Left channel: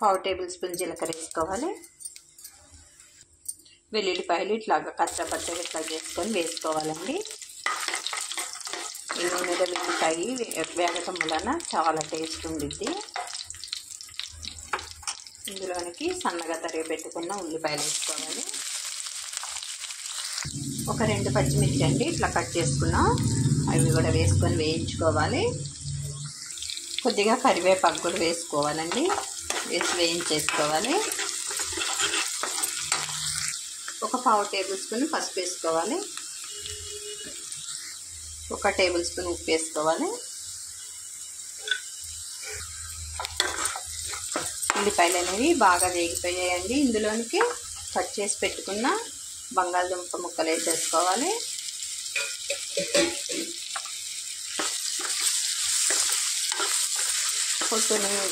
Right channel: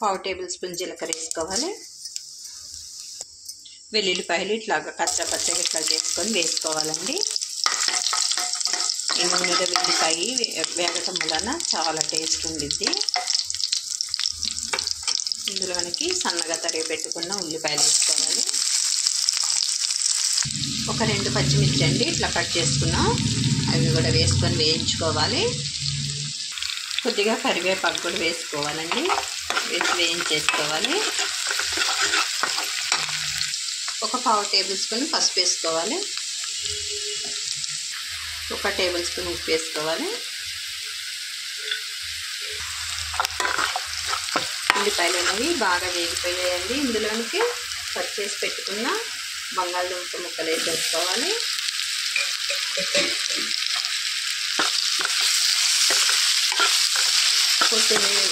పావు table spoon జీలకర్ర వేసుకోవాలి. వెల్లుల్లిపాయలు ఇట్లాగా కచ్చపచ్చగా ఇట్లా చేసుకొని వేసుకోవాలండి. ఈ నూనెలో వెల్లిపాయ వేగటం వలన చాలా టేస్ట్ ఉండిద్ది. ఇందులోనికి సన్నగా తరిగి పెట్టుకున్న ఉల్లిపాయలు వేసుకోవాలి. ఒక 2 పచ్చిమిర్చి అండి ఇట్లా కట్ చేసుకున్నాం, అవి కూడా వేసుకొని వేయించుకోవాలి. కొద్దిగా కరివేపాకు కూడా వేసుకోవాలండి, వేసి వేయించేసుకోవాలి. ఒక పావు టేబుల్ స్పూన్ పసుపు వేసుకోవాలి. 1 టేబుల్ స్పూన్ ఉప్పు వేసుకోవాలి. ఉల్లిపాయలు అనేవి బాగా వేగిపోయాయండి. ఇందులోనికి కట్ చేసి పెట్టుకున్న బంగాళదుంప ముక్కలు వేసేసుకోవాలి. కొత్తిమీర